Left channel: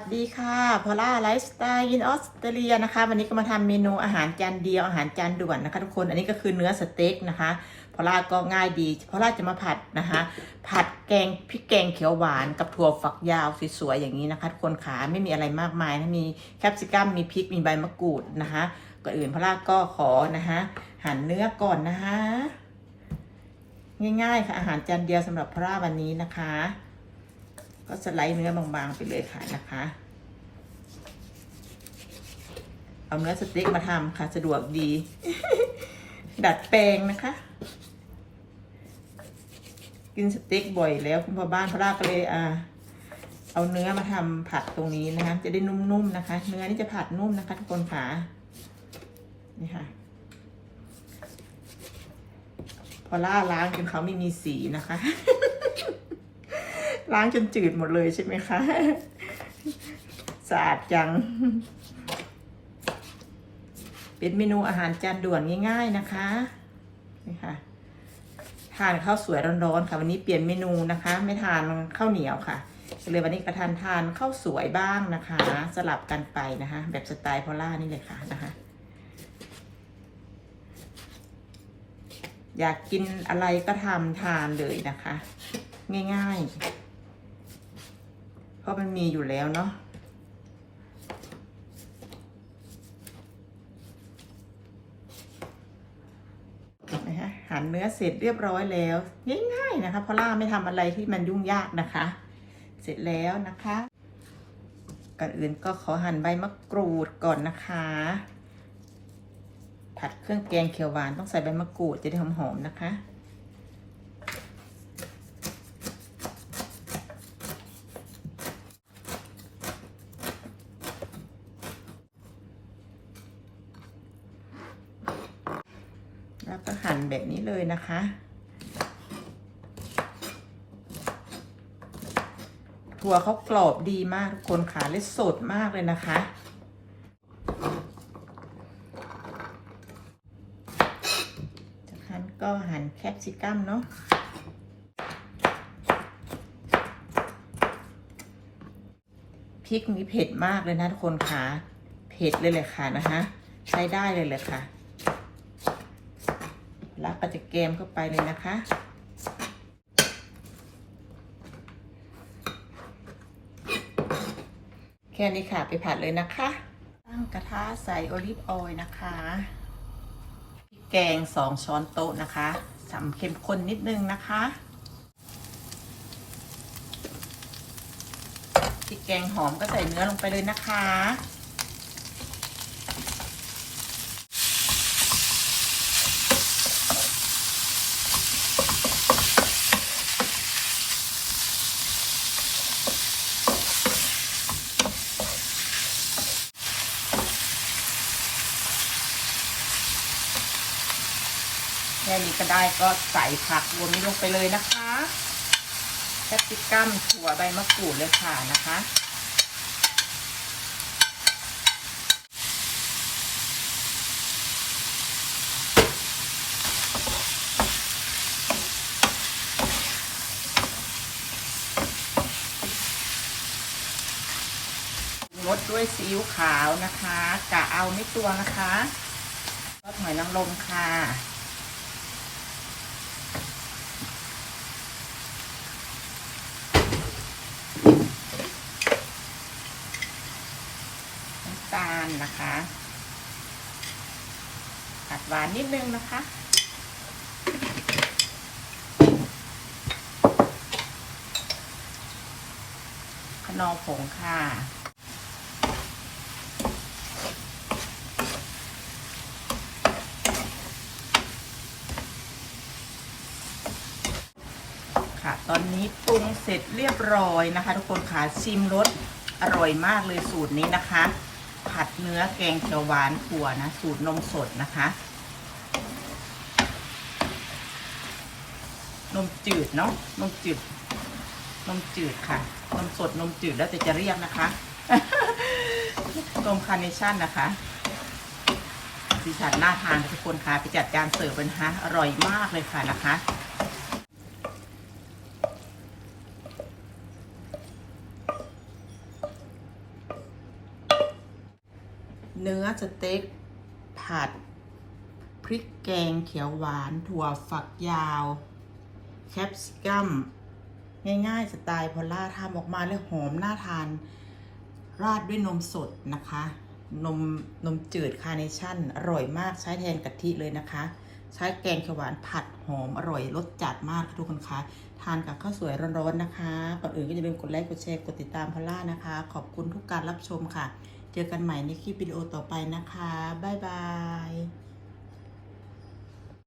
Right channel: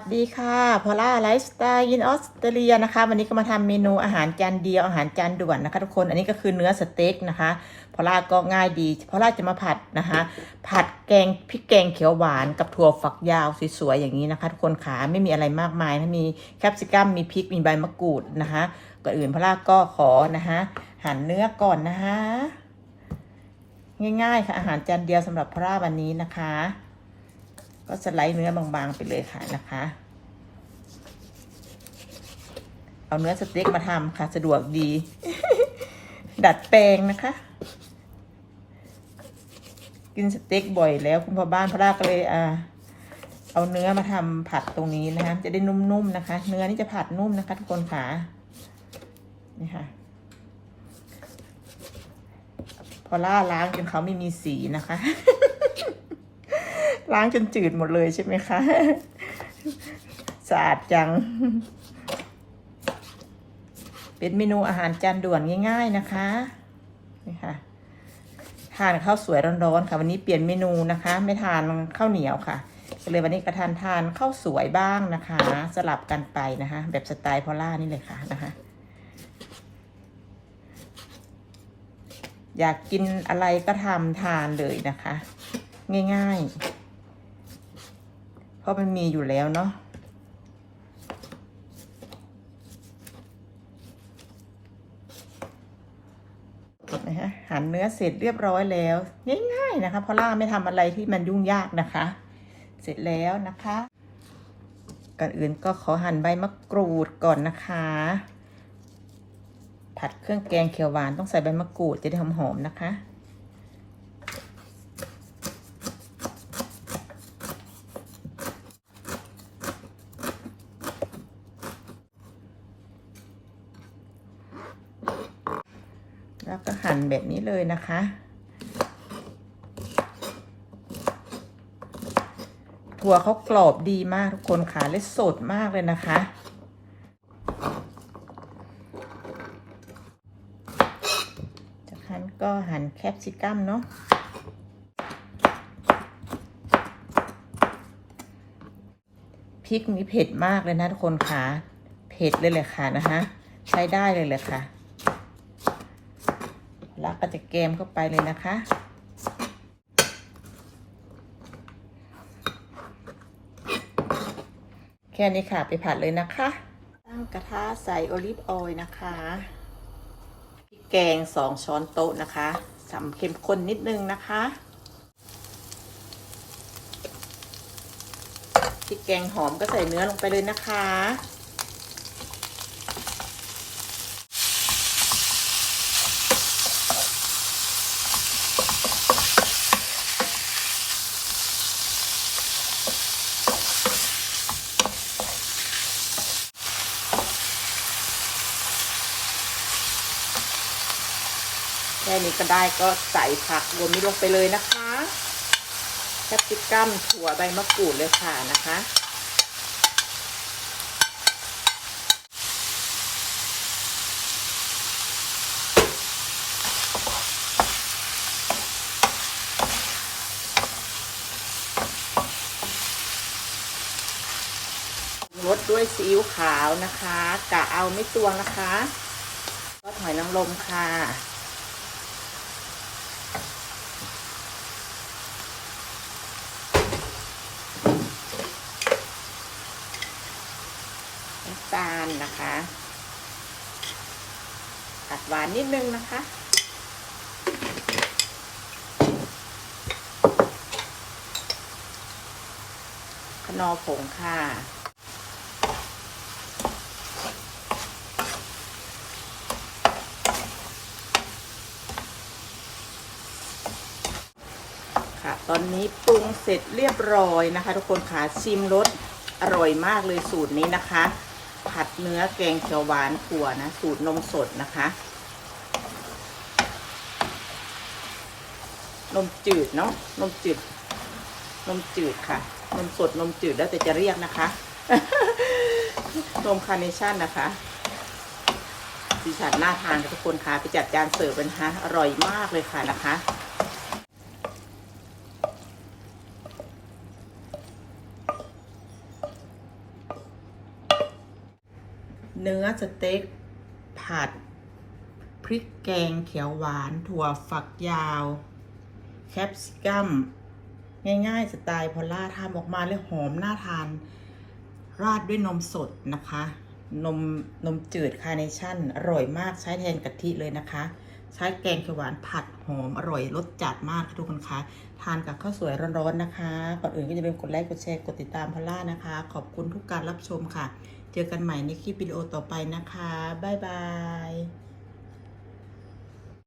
สดีค่ะพอล่าไลฟ์สไตล์ยินออสเตรเลียนะคะ วันนี้ก็มาทำเมนูอาหารจานเดียวอาหารจานด่วนนะคะ ทุกคนอันนี้ก็คือเนื้อสเต็กนะคะพอล่าก็ง่ายดีพอล่าจะมาผัดนะคะ ผัดแกงพริกแกงเขียวหวานกับถั่วฝักยาวสวยๆอย่างนี้นะคะทุกคนขาไม่มีอะไรมากมายนะมีแคปซิกัมมีพริกมีใบมะกรูดนะคะก่อนอื่นพอล่าก็ขอนะคะหั่นเนื้อก่อนนะคะ ง่ายๆค่ะอาหารจานเดียวสำหรับพอล่าวันนี้นะคะ ก็สไลด์เนื้อบางๆไปเลยค่ะนะคะ เอาเนื้อสเต็กมาทำค่ะ สะดวกดี ดัดแปลงนะคะ กินสเต็กบ่อยแล้วคุณพ่อบ้านพระราก็เลยอ่าเอาเนื้อมาทำผัดตรงนี้นะคะ จะได้นุ่มๆนะคะ เนื้อนี่จะผัดนุ่มนะคะ ทุกคนค่ะนี่ค่ะ พอล่าล้างจนเขาไม่มีสีนะคะ ล้างจนจืดหมดเลยใช่ไหมคะสะอาดจัง เป็นเมนูอาหารจานด่วนง่าย ๆนะคะนี่ค่ะทานข้าวสวยร้อนๆค่ะ วันนี้เปลี่ยนเมนูนะคะ ไม่ทานข้าวเหนียวค่ะก็เลยวันนี้กระทานทานข้าวสวยบ้างนะคะ สลับกันไปนะคะ แบบสไตล์พอล่านี่เลยค่ะนะคะอยากกินอะไรก็ทำทานเลยนะคะ ง่ายๆ ราะมันมีอยู่แล้วเนาะนะคะหั่นเนื้อเสร็จเรียบร้อยแล้วง่ายๆนะคะเพราะล่าไม่ทำอะไรที่มันยุ่งยากนะคะ เสร็จแล้วนะคะก่อนอื่นก็ขอหั่นใบมะกรูดก่อนนะคะ ผัดเครื่องแกงเขียวหวานต้องใส่ใบมะกรูดจะได้หอมๆนะคะ แล้วก็หั่ นแบบนี้เลยนะคะ ถั่วเขากรอบดีมากทุกคนขาเลยสดมากเลยนะคะ จากนั้นก็หั่นแคปซิกัมเนาะพริกนี้เผ็ดมากเลยนะทุกคนค่ะ เผ็ดเลยเลยค่ะนะคะ ใช้ได้เลยเลยค่ะ แล้วก็จะแกมเข้าไปเลยนะคะ แค่นี้ค่ะไปผัดเลยนะคะ ตั้งกระทะใส่โอลิฟออยล์นะคะพริกแกงสองช้อนโต๊ะนะคะสำเข้มข้นนิดนึงนะคะพริกแกงหอมก็ใส่เนื้อลงไปเลยนะคะ ค่นี้ก็ได้ก็ใส่ผักรวมนี้ลงไปเลยนะคะแคปซิกัมถั่วใบมะกรูดเลยค่ะนะคะงดด้วยซีอิ๊วขาวนะคะกะเอาไม่ตัวนะคะก็หอยนางรมค่ะ ตาลนะคะตัดหวานนิดนึงนะคะขนอผงค่ะค่ะตอนนี้ปรุงเสร็จเรียบร้อยนะคะ ทุกคนค่ะชิมรสอร่อยมากเลยสูตรนี้นะคะ ผัดเนื้อแกงเขียวหวานถั่วนะ สูตรนมสดนะคะ นมจืดเนาะนมจืด นมจืดค่ะ นมสดนมจืดแล้วแต่จะเรียกนะคะนมคาร์เนชั่นนะคะสีสันน่าทานทุกคนค่ะไปจัดจานเสิร์ฟกันนะคะอร่อยมากเลยค่ะนะคะ เนื้อสเต็ก ผัด พริกแกงเขียวหวาน ถั่วฝักยาว แคปซิกัม ง่ายๆ สไตล์พอล่าทำออกมาเลยหอมน่าทาน ราดด้วยนมสดนะคะ นมนมจืดคาร์เนชั่น อร่อยมากใช้แทนกะทิเลยนะคะ ใช้แกงเขียวหวานผัดหอมอร่อยรสจัดมากค่ะทุกคนคะทานกับข้าวสวยร้อนๆนะคะ ก่อนอื่นก็จะเป็นกดไลค์ กดแชร์ กดติดตามพอล่านะคะ ขอบคุณทุกการรับชมค่ะ เจอกันใหม่ในคลิปวิดีโอต่อไปนะคะ บ๊ายบาย